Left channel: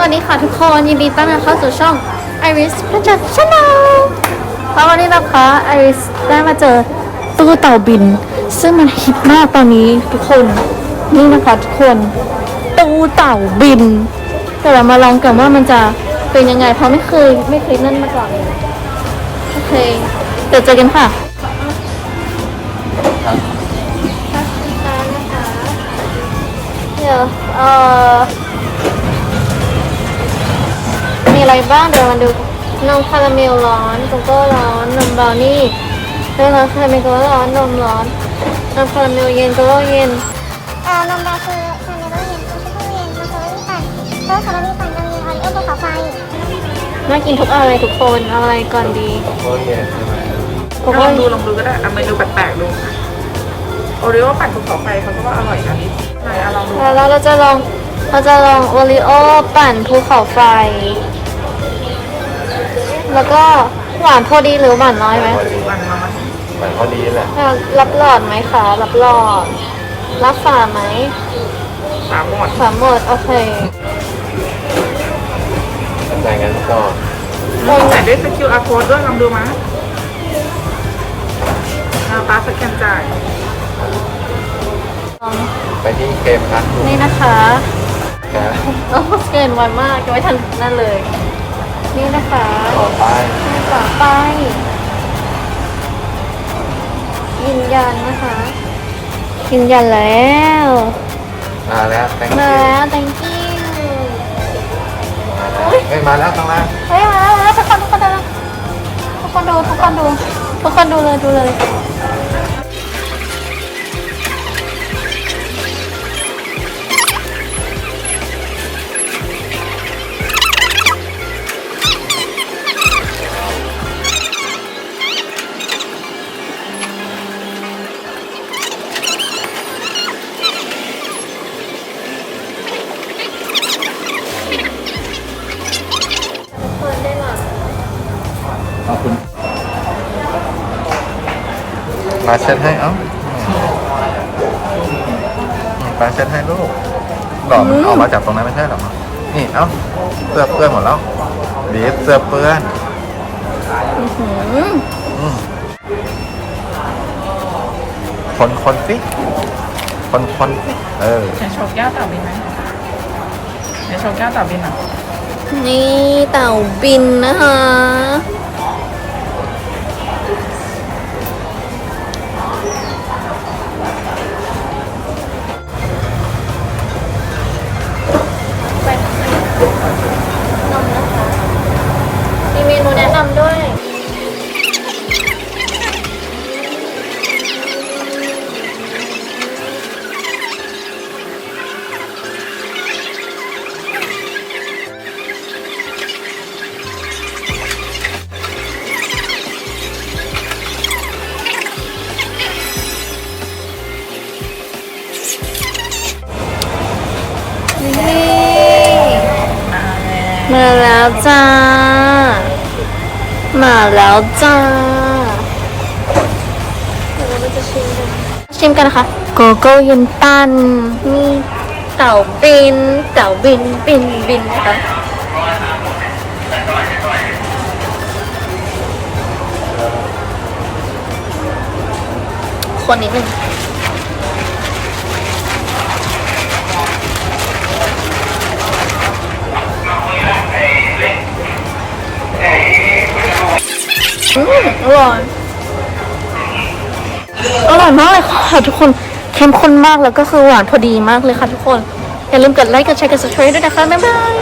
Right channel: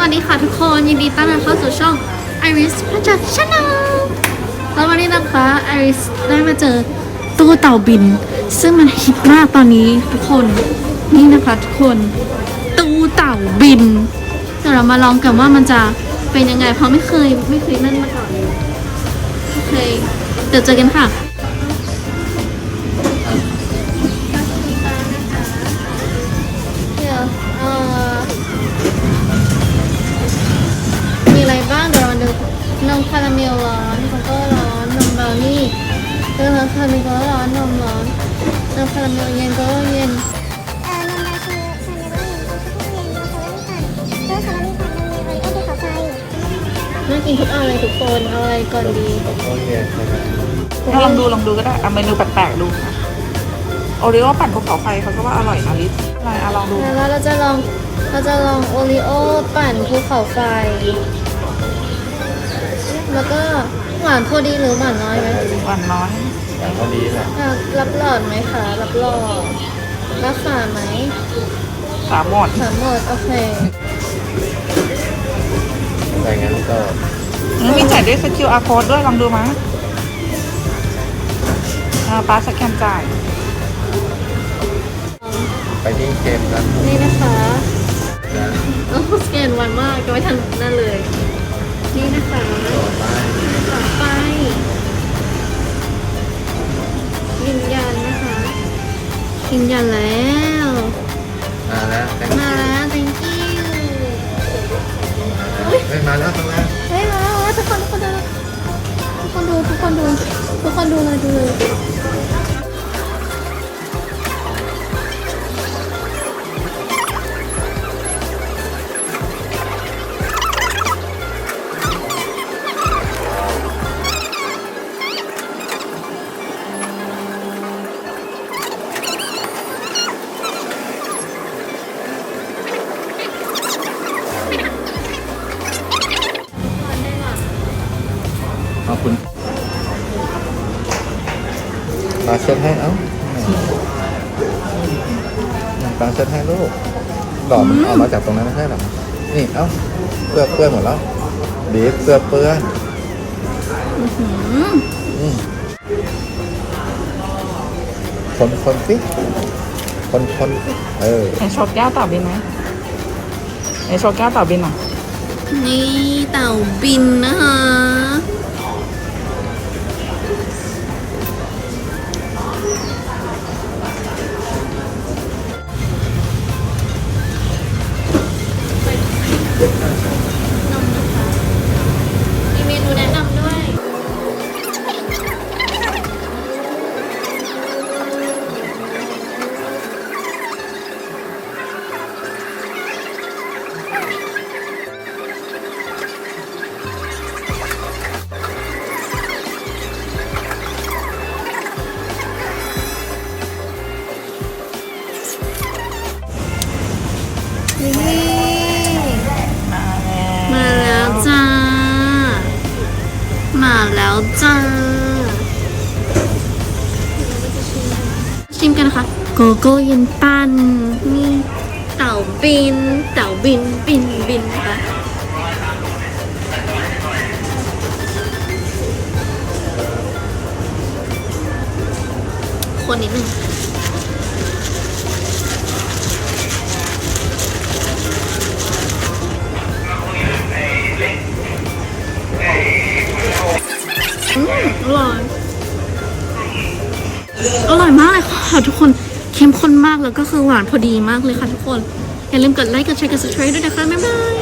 สวัสดีค่ะทุกคนยินดีต้อนรับเข้าสู่ช่อง Iris พัชชแนลแล้ววันนี้นะคะ Iris ได้มาเจอตู้เต่าบิน ซึ่งมันฮิตมากตอนนี้ทุกคนนี่นะคะทุกคน ตู้เต่าบินเดี๋ยวเรามาลองกันว่ามันจะเป็นยังไง เพราะไม่เคยไม่เคยเล่นมาก่อนเลยโอเคเดี๋ยวเจอกันค่ะเดี๋ยวเอ่อ อะไรบ้างเดี๋ยวมาดูนมคาราเมลร้อนโกโก้ร้อนนมบราวนี่เรื่องร้อนคาราเมลโกโก้ร้อนนมร้อนนมคาราเมลเย็นโกโก้เย็นเอ่อนมดาคือชาเมลเย็นนมช็อกโกแลตเย็นนมคาราเมลปั่นเออคาราเมลปั่นนมเย็นออริโอภูเขาไฟน่ากินทุกอะไรทุกคนเอาอะไรก่อนดีโอเคใช่ไหมโกลโก้องดูลองดูก็ได้เอาเมนูแปลกๆดูนะโอริโอปั่นภูเขาไฟเขาก็ว่าอร่อยนะลิสอะไรอะลองดูแล้วเราจะลองเราจะลองโอริโอปั่นภูเขาไฟ แล้วก็หวานพอดีหรือหวานน้อยไหมหวานน้อยเหมือนพอดีแหละรับหลอดไหมคะรับหลอดรับฝาไหมสามหมดฝาหมดโอเคทำไงงั้นก็มีจ่ายด้วยสกิลอาร์โค้ดด้วยลองดูมั้ยเอาป้าสแกนจ่ายไปที่เกมกันนี่นะคะนะโอ้สแกนไวมากจะไม่ทันนั่นเลย นี่นะคะต่อไปฝาไปยืนยันนะคะยืนยันแล้วมาแล้วแตงมาแล้ว thank you เฮ้ยมาแล้วข้างล่างเฮ้ยมาแล้วมาแล้วทุกคนทุกคนดูทุกคนดูทุกคนดูทุกคนดูเลยดูเลย ขอบคุณมาเช็ดให้เอ้ามาเช็ดให้ลูกหลอมออกมาจากตรงนั้นไม่ใช่หรอนี่เอ้าเสื้อเปื้อนหมดแล้วบีบเสื้อเปื้อนหืมอืมคนคนสิคนคนสิเออไหนโชว์แก้วเต่าบินไหมไหนโชว์แก้วเต่าบินอะ นี่เต่าบินนะคะ มาแล้วจ้า มาแล้วจ้าเดี๋ยวเราจะชิมกันชิมกันนะคะ โกโก้เย็นตันนี่เต่าบิน เต่าบิน บิน บินนะคะคนนิดนึง มอร่อยอร่อยมากเลยค่ะทุกคนเข้มข้นมากแล้วก็คือหวานพอดีมากเลยค่ะทุกคน อย่าลืมกดไลค์กดแชร์กด subscribe ด้วยนะคะ บ๊ายบาย